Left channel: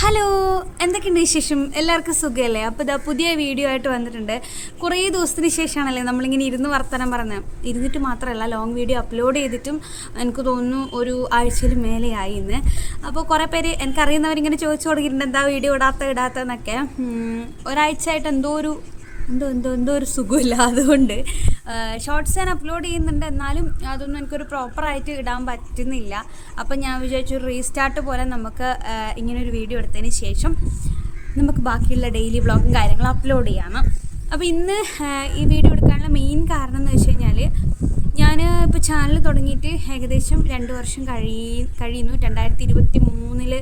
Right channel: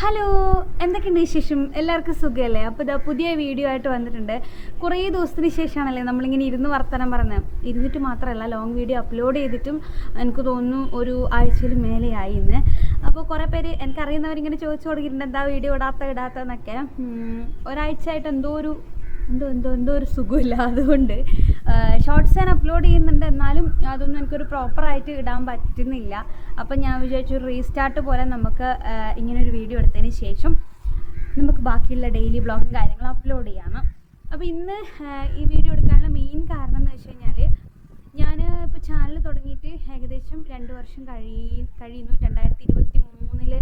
Hello, എന്തൊക്കെയുണ്ട് വിശേഷം? എല്ലാവർക്കും സുഖമല്ലേ? അപ്പോൾ ഇതാ പുതിയ വീഡിയോ ആയിട്ട് വന്നിട്ടുണ്ട്. കുറേ ദിവസത്തിന് ശേഷമാണല്ലേ നമ്മളിങ്ങനെ ഇരുന്ന് വർത്തമാനം പറഞ്ഞത്. ഇരുന്നിട്ട് മാത്രമല്ല, ലോങ് വീഡിയോ അപ്ലോഡ് ചെയ്തിട്ടും എനിക്ക് തോന്നുന്നു ഒരു ആഴ്ചയിൽ മേലെയായി ഇന്ന്. അപ്പോൾ കുറേ പേര് എനിക്കറിയുന്നവരിങ്ങനെ ചോദിച്ചു തുടങ്ങിയിട്ടുണ്ട്, എന്താ വീഡിയോ ഇടാത്തതെന്നൊക്കെ. ഒരാഴ്ചയായിട്ട് എന്തോ ഒരു സുഖമില്ല. അതുകൊണ്ട് ഷോർട്സ് ഞാൻ അപ്ലോഡ് ചെയ്യുന്നുണ്ട്, എന്നാലും അതൊന്നും എനിക്കൊരു പ്രോപ്പറായിട്ട് ഇടാൻ പറ്റുന്നില്ല. അപ്പം ഞാൻ വിചാരിച്ചു റീസ്റ്റാർട്ട് പോലെ നമുക്ക് ഇങ്ങനൊരു വീഡിയോ എടുത്തതിന് ശേഷം നമുക്ക് ബാക്കിയുള്ള ഡെയിലി വ്ളോഗും കാര്യങ്ങളും അപ്ലോഡ് ചെയ്യാം. അപ്പോൾ ഇന്ന് ഈ വീഡിയോ എടുക്കാനുള്ള മെയിൻ കാരണം എന്ന് വെച്ച് കഴിഞ്ഞാൽ, ഞാൻ ഇപ്പോൾ ചാനൽ തുടങ്ങിയിട്ട് ഏകദേശം 2 വർഷം കഴിയുന്നു. 2023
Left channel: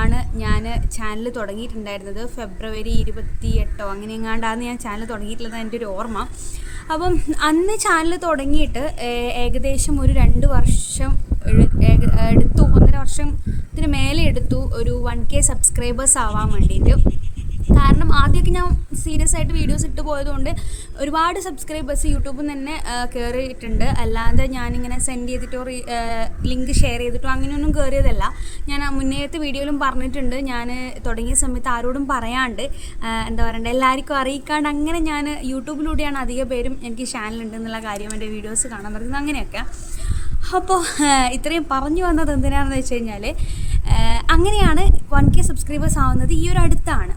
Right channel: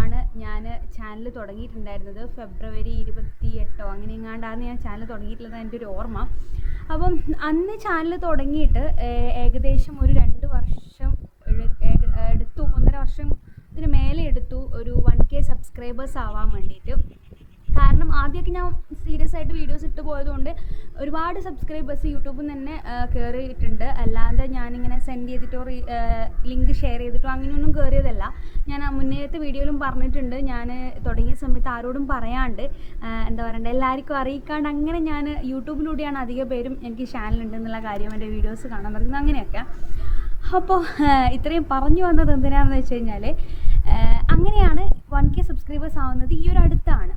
ആണ് ഞാൻ ചാനൽ തുടങ്ങിയിട്ടുണ്ടായിരുന്നത്. ഫെബ്രുവരി 28 അങ്ങനെ എങ്ങാണ്ടാണ് ഞാൻ ചാനൽ തുടങ്ങിയിട്ടുള്ളത്, എൻ്റെ ഒരു ഓർമ്മ. അപ്പം അന്ന് ചാനൽ തുടങ്ങിയിട്ട് ഏകദേശം ഒരു 2 വർഷം എടുത്തു, 1.5 വർഷത്തിന് മേലെ എടുത്തു ഒരു 1K സബ്സ്ക്രൈബേഴ്സ് ആവാൻ വേണ്ടിയിട്ട്. കാരണം ആദ്യമൊക്കെ ഞാൻ സീരിയസ് ആയിട്ട് വീഡിയോസ് ഇട്ട് പോയതുകൊണ്ട് ഒരുപാട് സബ്സ്ക്രൈബേഴ്സ് യൂട്യൂബിൽ നിന്ന് തന്നെ കയറിയിട്ടുണ്ട്. അല്ലാതെ ഞാനിങ്ങനെ സെൻഡ് ചെയ്തിട്ടോ ലിങ്ക് ഷെയർ ചെയ്തിട്ടോ അങ്ങനെയൊന്നും കയറിയതല്ല. ഞാൻ മുന്നേത്തെ വീഡിയോയിലും പറഞ്ഞിട്ടുണ്ട്, ഞാൻ തുടങ്ങിയ സമയത്ത് ആരോടും പറയാണ്ട്, എന്താ പറയണ്ടേ, എല്ലാവർക്കും അറിയിക്കാണ്ട് അങ്ങനെ ഞാൻ യൂട്യൂബിലൂടെയാണ് അധിക പേരും എനിക്ക് ചാനലുണ്ട് എന്നുള്ള കാര്യം എൻ്റെ വീഡിയോസ് കാണാൻ പറ്റുന്നത്, അങ്ങനെയൊക്കെ. അപ്പോൾ ഇത്രയും പറഞ്ഞു വന്നത് എന്തിനാണെന്ന് വെച്ച് കഴിഞ്ഞാൽ, അങ്ങനെയാണ് 1K സബ്സ്ക്രൈബേഴ്സ് ആവുന്നത് ഈ ഒരു അടുത്താണ്.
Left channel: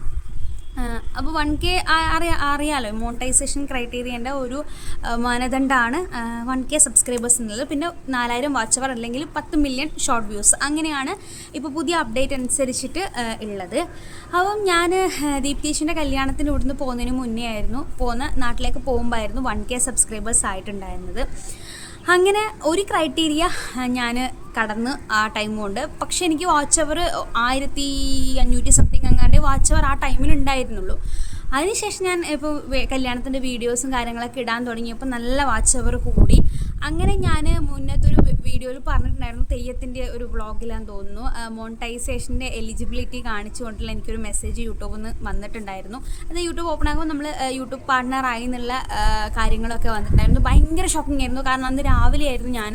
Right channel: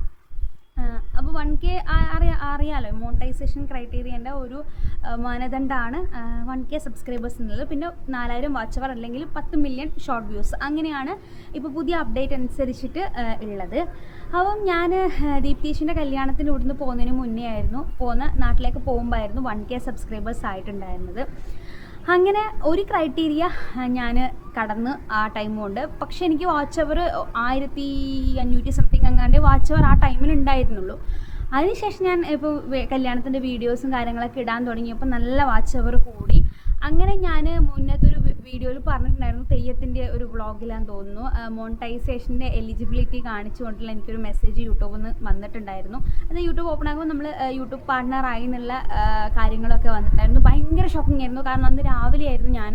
അപ്പോൾ 1K അറിയാലോ, മോണിറ്റൈസേഷൻ ക്രൈറ്റീരിയൻ്റെ ഒരു മാനദണ്ഡമാണ് 1K സബ്സ്ക്രൈബേഴ്സ് എന്നുള്ളത്. പിന്നെ 4000 വാച്ച് അവർ അല്ലെങ്കിൽ 10 മില്യൺ ഷോർട്ട് വ്യൂസ്, അങ്ങനെയാണ് ഇപ്പോൾ പുതിയ അപ്ഡേറ്റ് അനുസരിച്ചിട്ട് ഉള്ളത്. അപ്പം ഞാൻ ദീപ്തീഷിൻ്റെ കല്യാണത്തിന് ഇവിടുന്ന് പോകുന്നതിന് മുന്നേ ആയിരുന്നു, നാട്ടിലേക്ക് പോകുമ്പോഴായിരുന്നു 1K സബ്സ്ക്രൈബേഴ്സ് ആയിട്ടുണ്ടായിരുന്നത്. അങ്ങനെ ഒരു ക്രൈറ്റീരിയ ഞാൻ കടന്ന് ആ ടൈം കൊണ്ട്. പക്ഷേ എനിക്ക് വാച്ച് അവർ 1500 സംതിങ് അങ്ങാണ്ട് വാച്ച് അവർ ആ ടൈമിൽ ഉണ്ടായിരുന്നുള്ളൂ. അതിനുശേഷം ഞാൻ ഇപ്പോൾ കല്യാണത്തിൻ്റെ വീഡിയോസും കാര്യങ്ങളൊക്കെ ഇടാൻ തുടങ്ങിയപ്പോൾ നല്ല വാച്ച് അവർ കൂടി. അങ്ങനെ ഞാൻ മുന്നത്തൊരു വീഡിയോയിൽ പറഞ്ഞിട്ടുണ്ടായിരുന്നു, തെയ്യത്തിൻ്റെ ഒരു വ്ളോഗിലാന്ന് തോന്നുന്നു, മോണിറ്റൈസേഷൻ്റെ എലിജിബിലിറ്റി കാണിച്ചുകൊണ്ടുള്ള എനിക്കൊരു മെസ്സേജ് യൂട്യൂബിൽ നിന്ന് വന്നിട്ടുണ്ടായിരുന്നു. അത് യൂട്യൂബ് ഓപ്പൺ ആകുമ്പോൾ നമ്മൾ യൂട്യൂബ് പാർട്ട്ണറായി എന്നുള്ള കാര്യങ്ങളൊക്കെ വന്നിട്ടുണ്ടായിരുന്നു. ഭയങ്കര ഷോക്കിംഗ് ആയിരുന്നു. കാരണം അന്ന് രാവിലെ ആയിരുന്നു ഞാൻ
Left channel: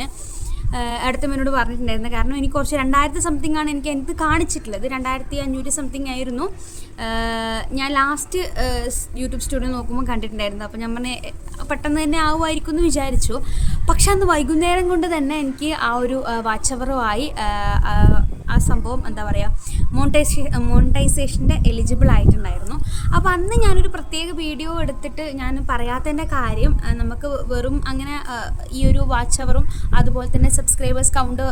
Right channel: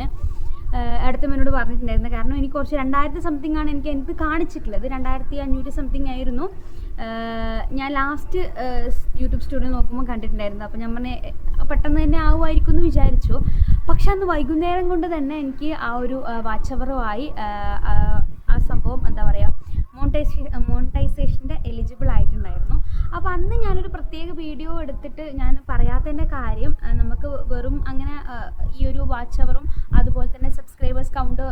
അടുത്തമ്മനോട് പറഞ്ഞിട്ടുണ്ടായിരുന്നത്. കാരണം എനിക്ക് കുറച്ച് 2000 സംതിങ് ആണ് എനിക്ക് കാണിച്ചിട്ടുള്ളത്. 2500 സംതിങ് ആയിരുന്നു ഞാൻ ലാസ്റ്റ് യൂട്യൂബ് സ്റ്റുഡിയോ നോക്കുമ്പോൾ കണ്ടിട്ടുണ്ടായിരുന്നു. അപ്പോൾ ഞാൻ പറഞ്ഞ പെട്ടെന്ന് തന്നെ ആവുമായിരിക്കും എന്ന് വിചാരിച്ചു. പക്ഷെ അന്ന് വൈകുന്നേരം കൊണ്ട് തന്നെ എനിക്ക് ആ ഒരു വാച്ച് അവറുമായി ആ സംഭവം, എന്താ പറയുക, മോണിറ്റൈസേഷൻ്റെ എലിജിബിൾ ആയിട്ടുണ്ടായിരുന്നു. അപ്പോൾ അന്ന് ഞാനൊരു പ്രത്യേക വീഡിയോ എടുത്തിട്ട് ഞാൻ പറയാത്തതിൻ്റെ കാര്യം, നമുക്ക് വെറും അങ്ങനെ ഈ ഒരു വാച്ച് അവറും അതുപോലെ തന്നെ സബ്സ്ക്രൈബേഴ്സ് കൗണ്ട്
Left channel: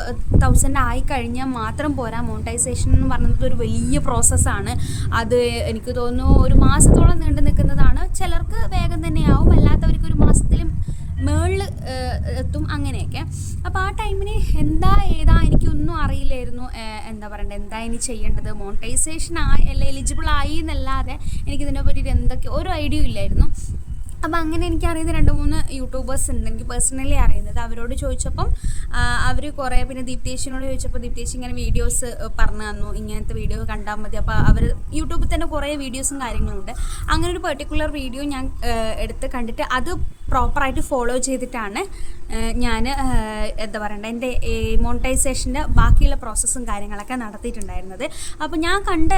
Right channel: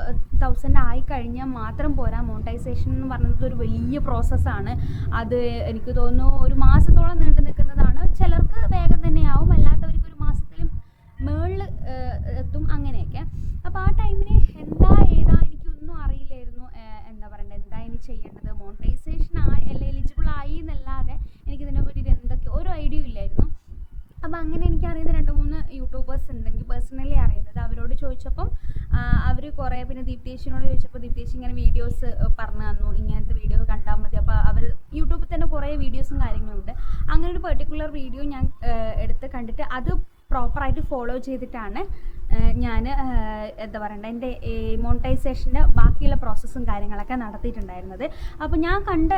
1000 ആയി കഴിഞ്ഞാൽ മാത്രം പോരാ. മോണിറ്റൈസേഷൻ എന്ന് പറയുന്നത് ഒരു വലിയ പ്രോസസ്സാണ്. അത് എനിക്ക് തോന്നുന്നു ഒരു മാസത്തോളം നീണ്ടു നിൽക്കുന്നതാണ്. ചിലർക്ക് വേഗം തന്നെയാവും, അല്ലാത്തവർക്ക് ഒരു മാസത്തിലും മേളിൽ എത്തും, അങ്ങനെയൊക്കെ. അപ്പോൾ ആ ടൈമിന് എന്താ എനിക്കൊന്നും അറിയില്ലായിരുന്നു. എന്താ പറയണ്ടത്, എന്താ ഇനി ചെയ്യേണ്ടത്, മോണിറ്റൈസേഷൻ എലിജിബിൾ ആയി എന്നല്ലാതെ എനിക്കിതിനെ പറ്റിയിട്ട് എന്തൊക്കെ ഒരു ഐഡിയ ഇല്ലായിരുന്നു. അപ്പോൾ അങ്ങനെ എനിക്കറിയുന്ന 2-3 യൂട്യൂബേഴ്സ് ഉണ്ട്, എനിക്ക് പേഴ്സണലി അറിയുന്നത്. അവരോട് ചോദിച്ചപ്പം അവർ കുറേ, പിന്നെ ദീപ്തേശിനോട് ചോദിച്ചപ്പോൾ ദീപ്തേശി ഇങ്ങനെ വീഡിയോസ് പറഞ്ഞു തന്നു, ഇങ്ങനത്തെ വീഡിയോ കണ്ടാൽ മതി. അപ്പോൾ അവർ യൂട്യൂബിൽ തന്നെ കുറേ വീഡിയോസും കാര്യങ്ങളുണ്ട്. അങ്ങനെ ഒരു പെർട്ടിക്കുലർ വീഡിയോ ഞാൻ എടുത്ത് കണ്ടിട്ട് അത് പ്രോപ്പറായിട്ട് ഫോളോ ചെയ്തിട്ടാണ് ഞാൻ എന്താ പറയണ്ടത്, എൻ്റെ മോണിറ്റൈസേഷൻ്റെ ബാക്കിയുള്ള പ്രോസസ്സും കാര്യങ്ങളൊക്കെ നടത്തിയിട്ടുണ്ടായിരുന്നത്. അപ്പോൾ ഞാൻ കണ്ട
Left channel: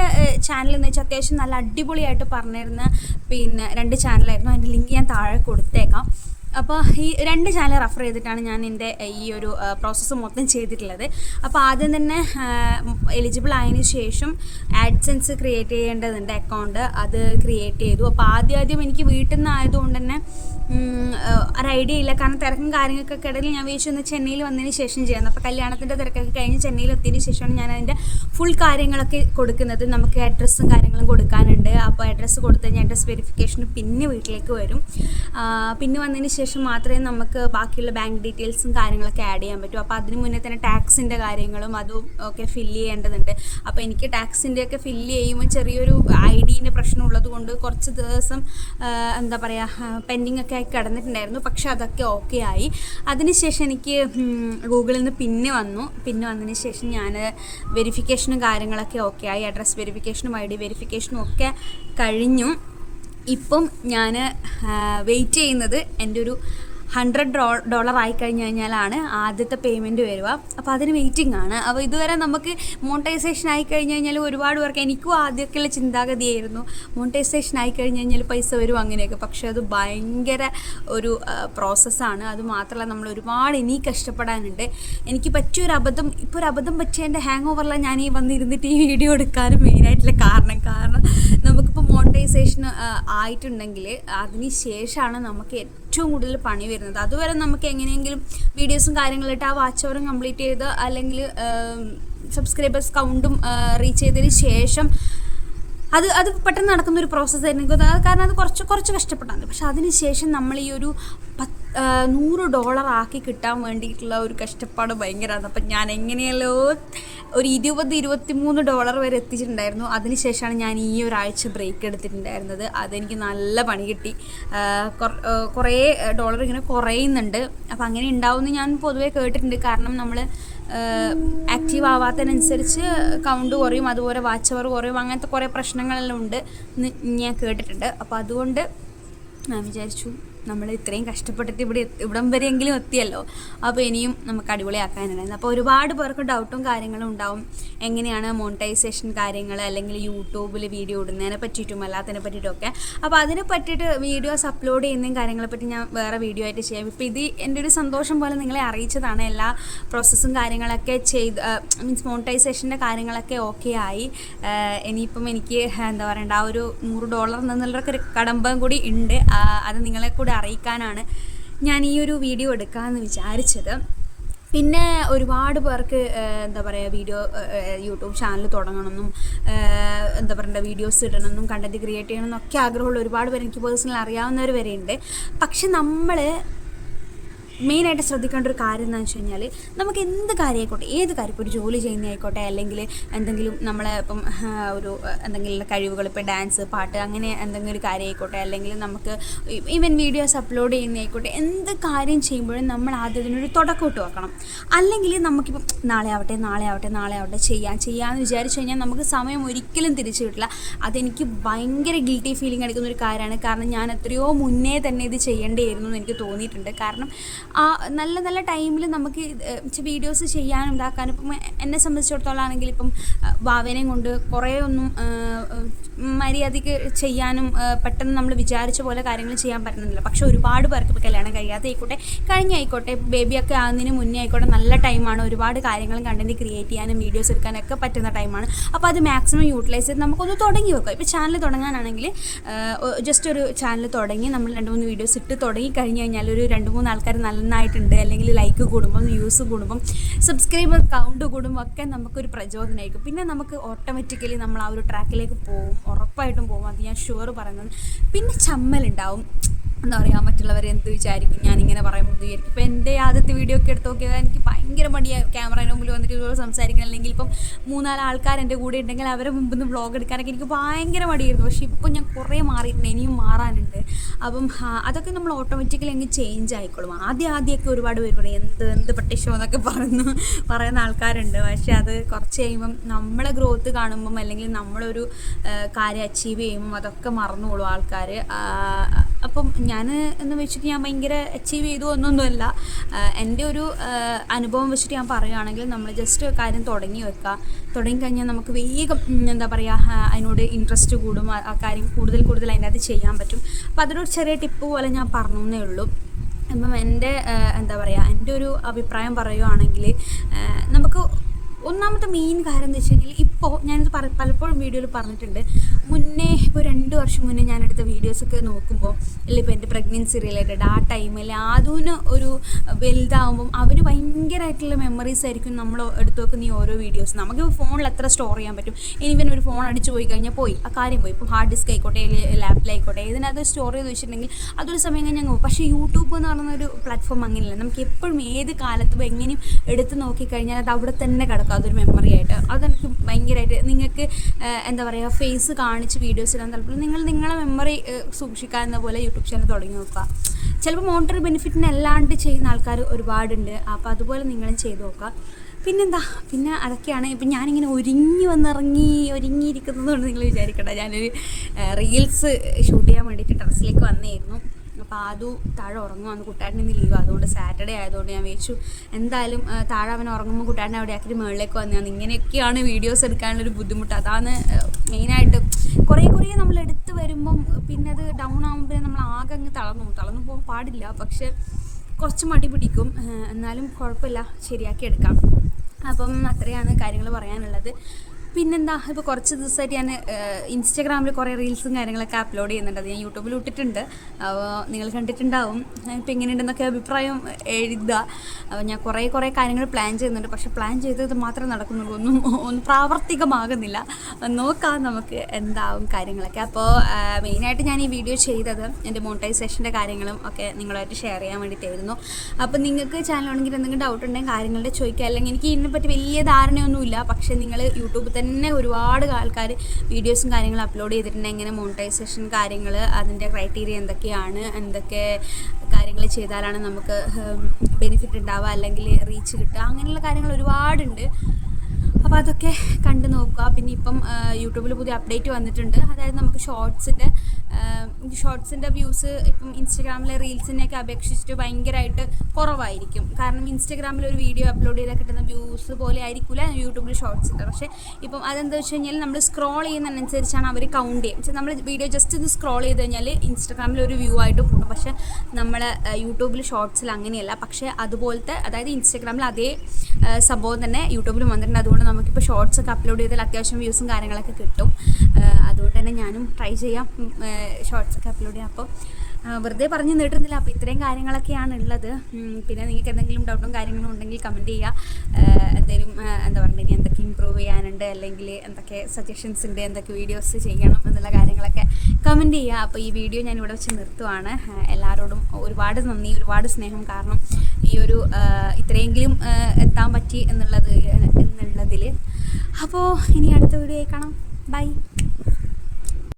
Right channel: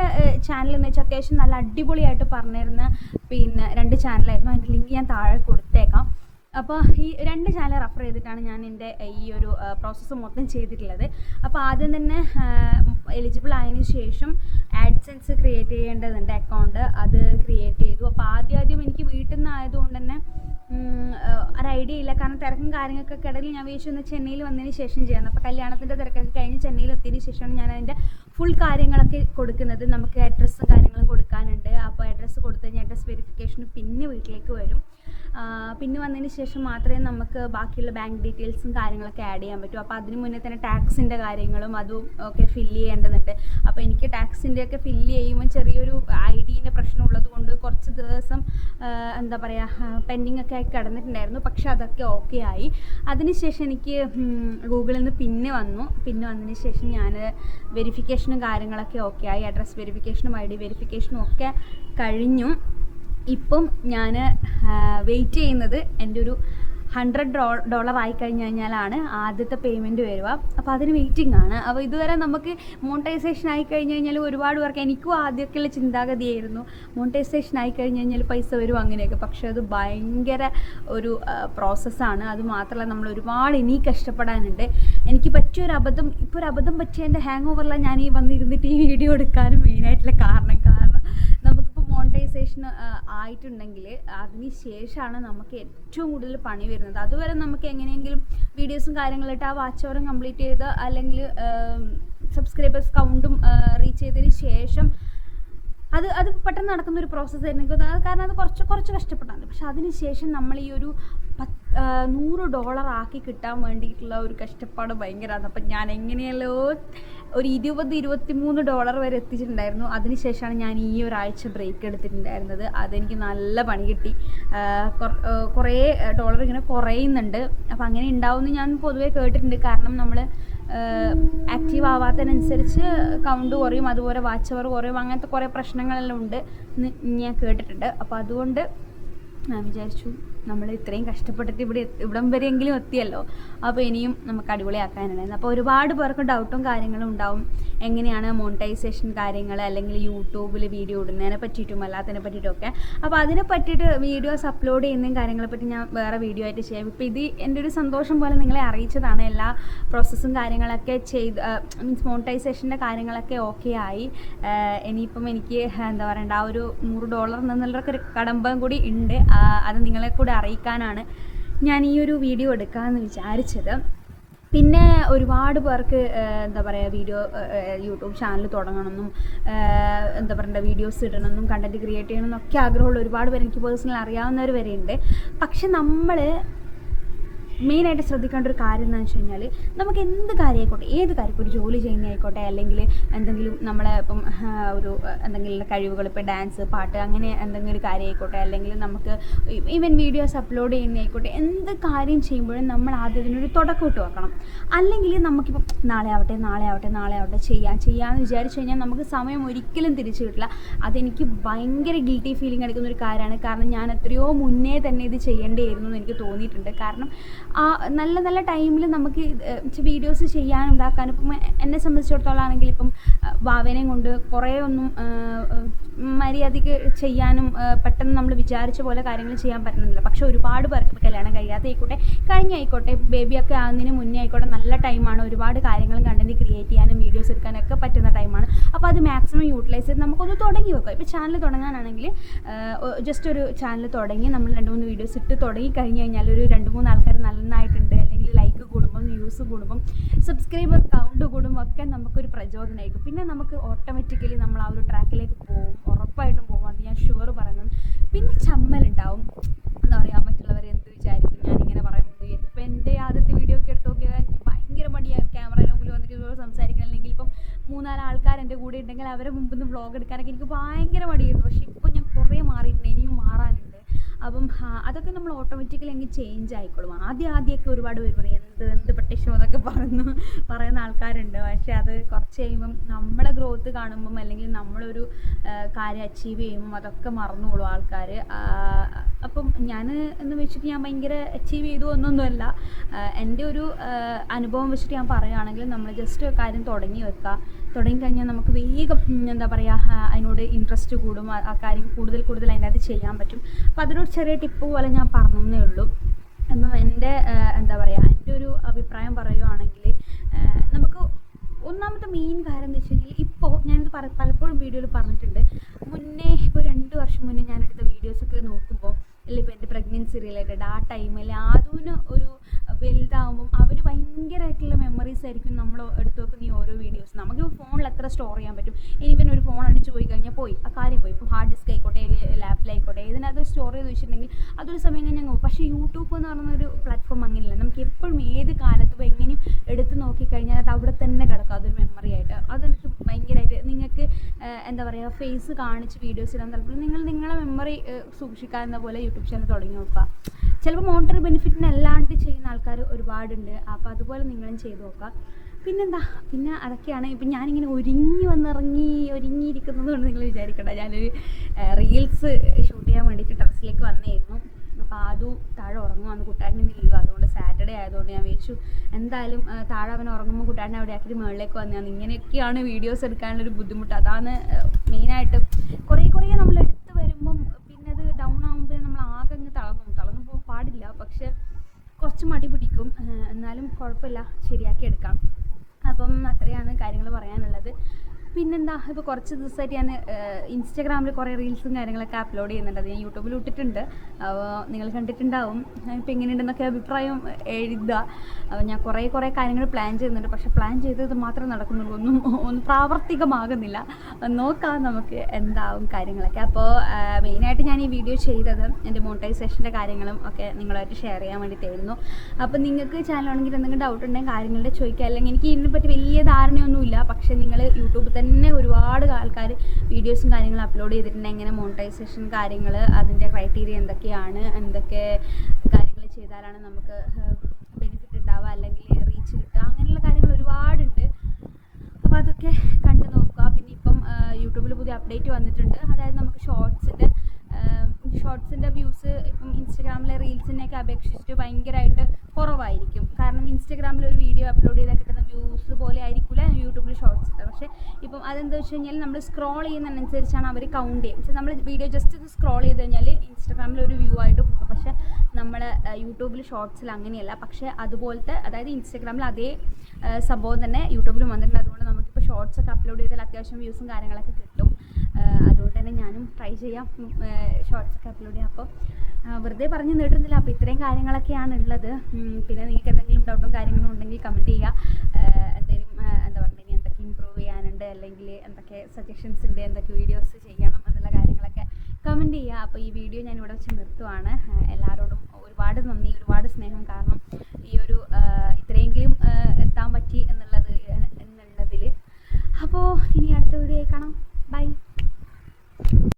ചാനൽ എന്ന് വെച്ചാൽ അത്യാവശ്യം നല്ല അടിപൊളിയായിട്ട് പറഞ്ഞിരുന്ന പിന്നെ 2 ചാനലായിരുന്നു. അതിൻ്റെ ലിങ്ക് ഞാൻ താഴെ കൊടുത്തേക്കാം. അപ്പോൾ ഈ 2 ചാനൽ റെഫർ ചെയ്തിട്ടാണ് ഞാൻ എൻ്റെ ഈ ഒരു പ്രോസസ്സ് മൊത്തം ചെയ്തിട്ടുള്ളത്. അപ്പോൾ ആദ്യം തന്നെ എലിജിബിൾ ആയതിനു ശേഷം ആഡ്സെൻസ് ക്രിയേറ്റ് ചെയ്യേണ്ടതുണ്ട്, അക്കൗണ്ട്. അത് ക്രിയേറ്റ് ചെയ്തു. അപ്പോൾ ആദ്യം എനിക്ക് വീട്ടിൽ നിന്ന് ആയതുകൊണ്ട് തന്നെ ഒരു ഐഡിയ ഇല്ല. കാരണം തിരക്കും കാര്യങ്ങൾക്കൊക്കെ ഇടയിൽ ഞാൻ വിചാരിച്ചു ചെന്നൈയിൽ വന്നതിന് ശേഷം ചെയ്യുന്നത്. അപ്പോൾ കല്യാണത്തിൻ്റെ തിരക്കൊക്കെ കഴിഞ്ഞ് ചെന്നൈയിൽ എത്തിയതിന് ശേഷമാണ് ഞാൻ അതിൻ്റെ ഫുൾ കാര്യങ്ങളൊക്കെ കൊടുക്കുന്നത്. നമുക്ക് അഡ്രസ്സും കാര്യങ്ങളും കൊടുക്കാനുണ്ട്. അപ്പോൾ അഡ്രസ്സ് കൊടുത്തു കഴിഞ്ഞാൽ അഡ്രസ്സ് വെരിഫിക്കേഷന് പിന്നെ വീട്ടിലേക്ക് വരും. പിന്നെ വന്നതിന് ശേഷം മാത്രമേ നമുക്ക് ബാക്കിയുള്ള ബാങ്ക് ഡീറ്റെയിൽസും കാര്യങ്ങളൊക്കെ ആഡ് ചെയ്യാൻ പറ്റൂ. അപ്പോൾ അതിന് മുന്നേ തന്നെ ടാക്സിൻ്റെ കാര്യങ്ങളും അതും ഒക്കെ ഫില്ല് ചെയ്യേണ്ടതുണ്ട്. അപ്പോൾ എനിക്ക് ടാക്സിൻ്റെയൊക്കെ ഫില്ല് ചെയ്യുമ്പോൾ ചെറിയൊരു ഐഡീൻ്റെ പ്രശ്നമുള്ളത് കൊണ്ട് കുറച്ച് ദിവസം എന്താ പറയുക പെൻഡിങ് ഒക്കെ ആയി കിടന്നിട്ടുണ്ടായിരുന്നു. പക്ഷെ അതൊക്കെ ഓക്കെ ആയി. അതിനുശേഷം എനിക്ക് ഗൂഗിളിൽ നിന്ന് പിന്നെ വന്നതിന് ശേഷം ഞാൻ വെരിഫിക്കേഷനും കാര്യങ്ങളൊക്കെ ഓക്കെ ആയി. അഡ്രസ് വെരിഫിക്കേഷനും ID വെരിഫിക്കേഷനും ഒക്കെ കഴിഞ്ഞു. ഇപ്പം ഞാൻ വെയിറ്റ് ചെയ്യുന്നത് എൻ്റെ ഒരു $100 ആയി കഴിഞ്ഞാലാണ് ആദ്യത്തെ പേയ്മെൻറ്റ് വരിക. അപ്പോൾ അതിന് വെയിറ്റിംഗ് ആണ്. അപ്പോൾ ഇതുവരെ നമുക്ക് മോണിറ്റൈസേഷൻ ആയി കഴിഞ്ഞ് കഴിഞ്ഞാൽ ഒരുപാട് പേർക്ക്, എനിക്കും ആദ്യമൊക്കെയുള്ള ചിന്താഗതിയായിരുന്നു മോണിറ്റൈസേഷൻ ആയി കഴിഞ്ഞ് കഴിഞ്ഞാൽ പൈസ വരും അങ്ങനെയൊക്കെ. പക്ഷേ അത് ഭയങ്കര ഒരു പ്രോസസ്സാണ്. അത് മാത്രമല്ല നമ്മൾ ഒരുപാട് ഇനി കഷ്ടപ്പെടാനുണ്ട്. എനിക്ക് പറ്റിയൊരു അബദ്ധം, ഇപ്പോൾ ഒരു അബദ്ധം പറ്റിയതിൻ്റെ ഹാങ് ഓവറിലാണ് ഞാൻ ഈ വന്നിരുന്നിട്ട് ഈ വീഡിയോ എടുക്കാനും മെയിനായിട്ടുള്ള കാരണം നമുക്കിപ്പോൾ മോണിറ്റൈസേഷൻ ആയിട്ടുണ്ടെങ്കിൽ അതിന് ശേഷമാണ് നമുക്ക് ഏറ്റവും കൂടുതൽ പണി വരുന്നത്. അതുവരെ നമുക്ക് എങ്ങനെയെങ്കിലും വീഡിയോസും കാര്യങ്ങളിട്ട് ആ വാച്ച് അവറും കംപ്ലീറ്റ് ചെയ്ത് അല്ലെങ്കിൽ സബ്സ്ക്രൈബേഴ്സ് കൗണ്ടും റീച്ച് ചെയ്തതിന് ശേഷം അത് പെട്ടെന്ന് നടക്കുന്നൊരു പ്രോസസ്സ് ആയിരുന്നു. കാരണം അത് കുറച്ച് കഷ്ടപ്പെട്ടാണ്. പക്ഷെ അതിന് ശേഷം നമ്മൾ ഈ ഒരു $100 ആക്കി കിട്ടാൻ വേണ്ടിയിട്ടുള്ള ഒരു കഷ്ടപ്പാട് ഭയങ്കരമാണ്. അപ്പം ഞാൻ എങ്ങനെയല്ലോ ഒരു $23 വരെ എത്തിച്ചിട്ടുണ്ടായിരുന്നു. അതിനുശേഷമാണ് ഞാൻ ഈ ഒരാഴ്ച ബ്രേക്ക് എടുത്തിട്ടുണ്ടായിരുന്നത്. അതെനിക്ക് നല്ല പണി കിട്ടി. കുറേ ഡോളർ ഇങ്ങനെ കുറയുന്നുണ്ട്. അപ്പം അങ്ങനെ ഉണ്ടാവുമെന്ന് ഞാൻ പൊതുവേ കേട്ടിട്ടുണ്ട്. കാരണം നമ്മൾ ആക്റ്റീവ് ആവാത്തതിനനുസരിച്ച് കൗണ്ട് കുറയും, അതുപോലെ വാച്ച് അവർ കുറയും, അങ്ങനത്തെ കുറേ പ്രശ്നങ്ങളെല്ലാം ഉണ്ട് എന്ന് ഞാൻ കേട്ടിട്ടുണ്ട്. അപ്പോൾ അതുകൊണ്ട് ഞാൻ വിചാരിച്ചു നമ്മൾ ഇത്രയും കഷ്ടപ്പെട്ടിട്ട് ഇവിടം വരെയെങ്കിലും എത്തിയല്ലോ, അപ്പോൾ ഇനിയും നമുക്ക് അടിപൊളിയാക്കാനുണ്ടായിരുന്നു. അപ്പോൾ ഒരുപാട് പേർക്ക് ഡൗട്ടും കാര്യങ്ങളും ഉണ്ടാവും, എങ്ങനെയാണ് മോണിറ്റൈസേഷൻ കാര്യങ്ങൾ അല്ലെങ്കിൽ യൂട്യൂബിൽ വീഡിയോ ഇടുന്നതിനെ പറ്റിയിട്ടും അല്ലാത്തതിനെ പറ്റിയിട്ടൊക്കെ. അപ്പോൾ അതിനെ പറ്റിയിട്ട് വീഡിയോസ് അപ്ലോഡ് ചെയ്യുന്നതും കാര്യങ്ങളെ പറ്റി ഞാൻ വേറെ വീഡിയോ ആയിട്ട് ചെയ്യാം. ഇപ്പോൾ ഇത് എൻ്റെ ഒരു സന്തോഷം പോലെ നിങ്ങളെ അറിയിച്ചതാണ്. എല്ലാ പ്രോസസ്സും കാര്യങ്ങളൊക്കെ ചെയ്ത് മീൻസ് മോണിറ്റൈസേഷൻ്റെ കാര്യങ്ങളൊക്കെ ഓക്കെ ആയി. ഇനിയിപ്പം എനിക്ക് എന്താ പറയണ്ട, ആ ഒരു $100 എന്നുള്ളൊരു കടമ്പം കൂടി ഉണ്ട്. അത് നിങ്ങളെ കൂടി അറിയിക്കാനാണ് ഞാൻ ഈ ഒരു വീഡിയോ എടുക്കാമെന്ന് വിചാരിച്ചത്. പിന്നെ ഒരുപാട് പേർക്ക് എന്താ പറയുക യൂട്യൂബ് ചാനൽ തുടങ്ങണമെന്നും എന്താ പറയണ്ട വീഡിയോസ് ഇടണമെന്നും കണ്ടൻറ്റ് ക്രിയേറ്റ് ചെയ്യണമെന്നൊക്കെ ആഗ്രഹമുള്ള ഒരുപാട് പേര് എനിക്ക് പേഴ്സണലി അറിയാവുന്നവർ വരെയുണ്ട്. പക്ഷെ നമ്മൾ മെയിനായിട്ട് ശ്രദ്ധിക്കേണ്ട ഒരു കാര്യം എന്താണെന്ന് വെച്ച് കഴിഞ്ഞാൽ, നമുക്ക് എന്ത് കാര്യമായിക്കോട്ടെ, ഏത് കാര്യം, ഇപ്പോൾ ഒരു ജോലി ചെയ്യുന്നതായിക്കോട്ടെ, അല്ലെങ്കിൽ എന്തെങ്കിലും നമ്മളെ ഇപ്പം ഒരു എന്തെങ്കിലും കഴിവുകൾ, ഇപ്പോൾ ഡാൻസ്, പാട്ട്, അങ്ങനെ എന്തെങ്കിലും ഒരു കാര്യമായിക്കോട്ടെ, അല്ലെങ്കിൽ നമുക്ക് ഈവൻ വീഡിയോസ് അപ്ലോഡ് ചെയ്യുന്നതായിക്കോട്ടെ, എന്ത് കാര്യം ചെയ്യുമ്പോഴും നമ്മൾ ആദ്യം അതിനൊരു തുടക്കം ഇട്ട് വെക്കണം. അല്ലെങ്കിൽ നമുക്കിപ്പം നാളെ ആവട്ടെ ചെയ്യാമെന്ന് വിചാരിച്ചു കഴിഞ്ഞാൽ നമുക്ക് സമയം ഒരിക്കലും തിരിച്ചു കിട്ടില്ല. അതെനിക്ക് ഭയങ്കര ഗിൽറ്റി ഫീലിംഗ് അടിക്കുന്നൊരു കാര്യമാണ്. കാരണം ഞാൻ എത്രയോ മുന്നേ തന്നെ ഇത് ചെയ്യേണ്ടിയിരുന്നു എന്ന് എനിക്ക് തോന്നിയിട്ടുണ്ട്. കാരണം നല്ല നല്ല ടൈമിൽ നമുക്ക് വീഡിയോസ് ചെയ്യാനും ഉണ്ടാക്കാനും, ഇപ്പം എന്നെ സംബന്ധിച്ചിടത്തോളം ആണെങ്കിൽ ഇപ്പം ഭാവേനയും കൊണ്ട് കുറേ ഒന്നും മര്യാദയ്ക്ക് ചെയ്യാനും പെട്ടെന്ന് നമ്മൾ വിചാരിച്ച പോലെ കാര്യങ്ങൾ ചെയ്യാൻ പറ്റുന്നില്ല. പക്ഷേ ഒരുപാട് പേർക്ക് ഇപ്പോൾ കല്യാണം കഴിയാതെ കഴിഞ്ഞായിക്കോട്ടെ, ബേബിയൊക്കെ ആകുന്നതിന് മുന്നേ ആയിക്കോട്ടെ, നല്ല ടൈമാണ്. ഒരുപാട് കാര്യങ്ങളും കണ്ടൻറ്റ് ക്രിയേറ്റ് ചെയ്യാനും വീഡിയോസ് എടുക്കാനൊക്കെ പറ്റുന്ന ടൈമാണ്. അപ്പോൾ അത് മാക്സിമം യൂട്ടിലൈസ് ചെയ്ത് നമുക്കൊന്ന് തുടങ്ങി വെക്കാം. ഇപ്പോൾ ചാനൽ തുടങ്ങാനാണെങ്കിൽ ജസ്റ്റ് ഒരു ചാനൽ തുടങ്ങി നമ്മൾ 2-3 വീഡിയോസ് ഇട്ട് തുടങ്ങി കഴിഞ്ഞ് കഴിഞ്ഞാൽ ഒരു 2-3 ആൾക്കാർ നന്നായിട്ടുണ്ട്, അല്ലെങ്കിൽ ലൈക്ക് കൂടുമ്പം, വ്യൂസ് കൂടുമ്പം, സബ്സ്ക്രൈബർ കൗണ്ട് കൂടുമ്പോൾ ഒക്കെ നമുക്കൊരു പ്രചോദനമായിരിക്കും. പിന്നെ നമുക്ക് ഓട്ടോമാറ്റിക്കലി നമ്മൾ ആ ഒരു ട്രാക്കിലേക്ക് പോകും, ഉറപ്പായിട്ടും പോകും. അത് ഞാൻ ഷുവർ പറയുന്നത്. പിന്നെ ചമ്മലുണ്ടാവും, എന്താ പറയുക, മറ്റുള്ളവർ എന്ത് വിചാരിക്കും ഞാനിങ്ങനെ പറയുമ്പോൾ വിചാരിക്കും. ഇപ്പോൾ എൻ്റെ ആദ്യത്തെ വീഡിയോ ഒക്കെ എടുത്ത് നോക്കിയാൽ എനിക്ക് ഭയങ്കര മടിയാണ് ക്യാമറയുടെ മുമ്പിൽ വന്നിട്ട് ഇതുപോലെ സംസാരിക്കണം. അല്ലെങ്കിൽ ഇപ്പം 3-4 ആൾക്കാർ എൻ്റെ കൂടെ ഉണ്ടെങ്കിൽ അവരെ മുമ്പിൽ നിന്ന് വ്ളോഗ് എടുക്കാനൊക്കെ എനിക്ക് ഭയങ്കര മടിയായിരുന്നു. പക്ഷേ ഇപ്പോൾ ഞാൻ കുറേ മാറിയിട്ടുണ്ട്, ഇനിയും മാറാനുണ്ട്. അപ്പം അതൊക്കെ നമ്മൾ ഓട്ടോമാറ്റിക്കലി അങ്ങ് ചേഞ്ച് ആയിക്കോളും. ആദ്യമൊക്കെ ഒരുപാട് പേര് പറയും എന്ത് പട്ടിഷോ എന്നൊക്കെ പറയുന്ന ആൾക്കാരുണ്ട്. പക്ഷേ അത് കുറച്ച് കഴിയുമ്പം നമ്മളെ ഗ്രോത്ത് കാണുമ്പം, അല്ലെങ്കിൽ നമ്മളൊരു കാര്യം അച്ചീവ് ചെയ്യുമ്പം അതൊക്കെ മറന്നുകൊള്ളും ആൾക്കാർ. അപ്പം ഞാൻ എന്ന് വെച്ചിട്ട് ഞാൻ ഭയങ്കര അച്ചീവ് ചെയ്തു ഒന്നൊന്നുമല്ല. എൻ്റെ ഒരു അനുഭവം വെച്ചിട്ട് ഞാൻ പറയുകയാണെങ്കിൽ, നമ്മൾ ജസ്റ്റ് കാര്യം തുടങ്ങിക്കഴിഞ്ഞാൽ നമുക്ക് വേഗം എന്താ പറയുക അതിനോട് ഇൻട്രസ്റ്റ് കൂടും, ആ കാര്യം കൂടുതൽ അതിനകത്ത് ചെയ്യാൻ പറ്റും. അപ്പോൾ അതൊരു ചെറിയ ടിപ്പ് പോലെ ഞാൻ പറഞ്ഞേ ഉള്ളൂ. അപ്പം എൻ്റെ എന്താ പറയുക എൻ്റെ ഒരു അഭിപ്രായം പറയുകയാണെങ്കിൽ, നമുക്ക് ഒന്നാമത്തെ മെയിൻ കാര്യം എന്ന് വെച്ച് കഴിഞ്ഞാൽ, ഇപ്പോൾ ഞാനിത് പലപ്പോഴും വീഡിയോയിൽ പറഞ്ഞിട്ടുണ്ട്, മുന്നേ ഇപ്പോൾ 2 വർഷം മുന്നേ ഞാനെടുത്ത വീഡിയോസൊക്കെ നോക്കുമ്പോൾ, അല്ലെങ്കിൽ ഇപ്പോൾ എൻ്റെ പ്രഗ്നൻസി റിലേറ്റഡ് ആ ടൈമിൽ അതിന് ഒരു വലുതാകുമ്പം അവർ ഭയങ്കരമായിട്ടുള്ള മെമ്മറീസ് ആയിരിക്കും നമ്മൾ എടുത്ത് വെക്കുന്ന ഈ ഓരോ വീഡിയോസ്. നമുക്ക് ഫോണിൽ എത്ര സ്റ്റോർ ചെയ്യാൻ പറ്റും? ഇനിവൻ ഒരു ഫോൺ അടിച്ച് പോയി കഴിഞ്ഞാൽ ആ കാര്യം പോയി. ഇപ്പോൾ ഹാർഡ് ഡിസ്ക് ആയിക്കോട്ടെ, ലാപ്പിലായിക്കോട്ടെ, ഇതിനകത്ത് സ്റ്റോർ ചെയ്ത് വെച്ചിട്ടുണ്ടെങ്കിൽ അതൊരു സമയം കഴിഞ്ഞാൽ പോകും. പക്ഷേ യൂട്യൂബ് എന്ന് പറയുന്നൊരു പ്ലാറ്റ്ഫോം അങ്ങനെയല്ല. നമുക്ക് എപ്പോഴും ഏത് കാലത്തും എങ്ങനെയും എടുത്ത് നോക്കിക്കഴിഞ്ഞാൽ അത് അവിടെ തന്നെ കിടക്കും, അതൊരു മെമ്മറി ആയിട്ട്. അതെനിക്ക് ഭയങ്കരമായിട്ട്, നിങ്ങൾക്ക് എന്താ പറയുക ഫേസ് കാണിച്ച് വീഡിയോസ് ഇടാൻ താല്പര്യം, നിങ്ങളെ മെമ്മറി സൂക്ഷിക്കാവുന്ന പോലെ യൂട്യൂബ് ചാനൽ തുടങ്ങി നോക്കുക. ചിലപ്പോൾ മോണിറ്ററി ബെനിഫിറ്റിന് അല്ലാണ്ട് ചെയ്യുന്ന ആൾക്കാർ ഒരുപാടുണ്ട്. അപ്പോൾ അതുപോലെ നിങ്ങളും ചെയ്ത് നോക്കുക. പിന്നെ അതൊക്കെയാണ്. ഇപ്പം ഞാനിങ്ങനെ ഒരുങ്ങിയിരിക്കുന്നതുകൊണ്ട് നിങ്ങൾ വിചാരിക്കണ്ട, ഞാനൊരു റീൽസ് ഷൂട്ട് ചെയ്യാൻ വേണ്ടിയിട്ട് ടെറസിലേക്ക് വന്നായിരുന്നു. അപ്പോൾ അതും താഴെ ഉറങ്ങും. അന്ന് കുട്ടാരൻ ഇന്ന് ലീവ്, അതുകൊണ്ട് സാറ്റർഡേ ആയതുകൊണ്ട് ഞാൻ വിചാരിച്ചു എന്തായാലും താഴെ അവൻ ഉറങ്ങുമ്പോൾ കുട്ടാരനെ അവിടെ ആക്കിയിട്ട് മുകളിലേക്ക് വന്നതാണ്. ഇങ്ങനെയൊക്കെയാണ് വീഡിയോസ് എടുക്കാനുള്ളൊരു ബുദ്ധിമുട്ട്. അതാണ് മെയിനായിട്ട്. കുറേ നമ്മൾ എടുത്ത് വരുമ്പം പിന്നെ അത് ഡൗൺ ആകുമ്പോൾ നമ്മൾ ആകെ അങ്ങ് തളർന്നു പോകാൻ പാടില്ല. പക്ഷേ കുറച്ച് മടി പിടിക്കും, എന്നാലും കുഴപ്പമില്ല, ശരിയാക്കി എടുക്കാം. അപ്പം അത്രയാണ് കാര്യങ്ങൾ പറയാനുള്ളത്. പിന്നെന്താ, ഇപ്പോൾ കുറച്ച് ദിവസമായിട്ട് ഞാൻ ഇൻസ്റ്റാഗ്രാമിൽ കുറേ റീൽസും കാര്യങ്ങളൊക്കെ അപ്ലോഡ് ചെയ്യുന്നുണ്ട്. അത് ഞാൻ യൂട്യൂബിൽ ഇട്ടിട്ടുണ്ട്. അപ്പോൾ നിങ്ങൾ കണ്ടിട്ടുണ്ടാവും. ഇപ്പോൾ എങ്ങനെയുണ്ടെന്നൊക്കെ അഭിപ്രായം എഴുതുക. അപ്പോൾ ഞാൻ കുറേ കാര്യങ്ങൾ പ്ലാൻ ചെയ്യുന്നുണ്ട്. പക്ഷേ പ്ലാൻ ചെയ്തത് മാത്രമേ നടക്കുന്നുള്ളൂ, ഒന്നും പ്രാവർത്തികമാകുന്നില്ല. നോക്കാം നമുക്ക് എന്താവും കാര്യങ്ങളൊക്കെ. അപ്പോൾ മെയിനായിട്ട് ഞാൻ ഈ വീഡിയോ ചെയ്തത് എൻ്റെ മോണിറ്റൈസേഷൻ്റെ കാര്യങ്ങളും ഒക്കെ നിങ്ങളുമായിട്ട് ഷെയർ ചെയ്യാൻ വേണ്ടിയിട്ടായിരുന്നു. അപ്പോൾ നിങ്ങൾക്ക് ചാനലാണെങ്കിൽ എന്തെങ്കിലും ഡൗട്ട് ഉണ്ടെങ്കിൽ കാര്യങ്ങളുടെ ചോദിക്കുക. അല്ലെങ്കിൽ എനിക്ക് ഇതിനെപ്പറ്റി വലിയ ധാരണയൊന്നുമില്ല. പക്ഷേ നിങ്ങൾ യൂട്യൂബിൽ തന്നെ ഒരുപാട് ആൾക്കാർ വീഡിയോസും കാര്യങ്ങളും അപ്ലോഡ് ചെയ്തിട്ടുണ്ട്. എങ്ങനെ മോണിറ്റൈസേഷൻ കാര്യങ്ങൾ, അതിൻ്റെ ക്രൈറ്റീരിയ എന്തൊക്കെയാണ്, എന്തൊക്കെ കാര്യങ്ങൾ ചെയ്താലാണ് നമുക്ക് ബെനിഫിറ്റ് ഉണ്ടാവുക, അല്ലെങ്കിൽ റീച്ച് കിട്ടുക, അങ്ങനെയുള്ള കാര്യങ്ങൾ ഒരുപാടുണ്ട്. അപ്പോൾ അതൊക്കെ കണ്ടു നോക്കുക. പിന്നെ ഇപ്പം യൂട്യൂബിൽ പുതിയ അപ്ഡേറ്റ് വന്നിട്ടുണ്ട്. അതായത് നമുക്ക് ഷോർട്സിൻ്റെ വ്യൂസ് ഇപ്പം ഇൻസ്റ്റഗ്രാമിലെ റീൽസിനെയൊക്കെ അപേക്ഷിച്ചിട്ട് ഭയങ്കരമായിട്ട് കുറവായിരിക്കും. കാരണം ഇൻസ്റ്റഗ്രാമിൽ ഒരു വീഡിയോ അപ്ലോഡ് ചെയ്താൽ കിട്ടുന്ന വ്യൂസ് പോലെ ആയിരിക്കില്ല യൂട്യൂബിൽ ഷോർട്സിൻ്റെ. പക്ഷേ ഇപ്പം അതെന്താ വെച്ച് കഴിഞ്ഞാൽ നമ്മൾ സ്ക്രോൾ ചെയ്യുന്നതിനനുസരിച്ചാണ് അവർ കൗണ്ട് ചെയ്യും. നമ്മൾ വീഡിയോ ജസ്റ്റ് ഇത് സ്ക്രോൾ ചെയ്ത് കഴിഞ്ഞാൽ ഇൻസ്റ്റഗ്രാമിൽ ഒരു വ്യൂ ആയിട്ട് കൂടും. പക്ഷേ നമ്മൾ യൂട്യൂബിൽ ഷോർട്സിൽ അങ്ങനെയല്ല. പക്ഷേ അതുപോലത്തെ, അതായത് ഇൻസ്റ്റഗ്രാമിൽ അതേ സംഭവം തന്നെ യൂട്യൂബിലും വന്നിട്ടുണ്ട്. അതുകൊണ്ട് നമുക്കിപ്പോൾ ഷോർട്സ് ഒക്കെ അപ്ലോഡ് ചെയ്താൽ അത്യാവശ്യം വ്യൂസും കാര്യങ്ങളൊക്കെ കിട്ടും. അതുകൊണ്ട് തന്നെ ഞാനും ട്രൈ ചെയ്യാം ഷോർട്സ് ഒക്കെ അപ്ലോഡ് ചെയ്യാം. അപ്പോൾ വെറുതെ പറഞ്ഞ് നീട്ടുന്നില്ല. അപ്പോൾ ഇത്രയും കാര്യങ്ങളൊക്കെയാണ് ഉള്ളത്. പിന്നെ നിങ്ങൾക്ക് എന്തെങ്കിലും ഡൗട്ടും കാര്യങ്ങളും ഉണ്ടെങ്കിൽ കമൻറ്റ് ചെയ്യുക. എന്തെങ്കിലും എന്താ പറയുക, ഇനി എന്തൊക്കെ ഇമ്പ്രൂവ് ചെയ്യാനുണ്ട്, അല്ലെങ്കിൽ എന്തൊക്കെ സജഷൻസ് ഉണ്ട്, എന്തൊക്കെ വീഡിയോസ് ചെയ്യണം എന്നുള്ള കാര്യങ്ങളൊക്കെ കമൻറ്റ് ചെയ്യുക. അപ്പോൾ ഈ വീഡിയോ ഞാൻ ഇവിടെ വെച്ച് നിർത്തുവാണ്. എല്ലാവരോടും ഒരുപാട് നന്ദി, ഒരുപാട് സ്നേഹം. കാരണം ഈ ഒരു ഇത്രയെങ്കിലും എത്താൻ പറ്റി എന്നുള്ളതിൽ. അപ്പോൾ ഇനി അടുത്ത വീഡിയോ കാണാം.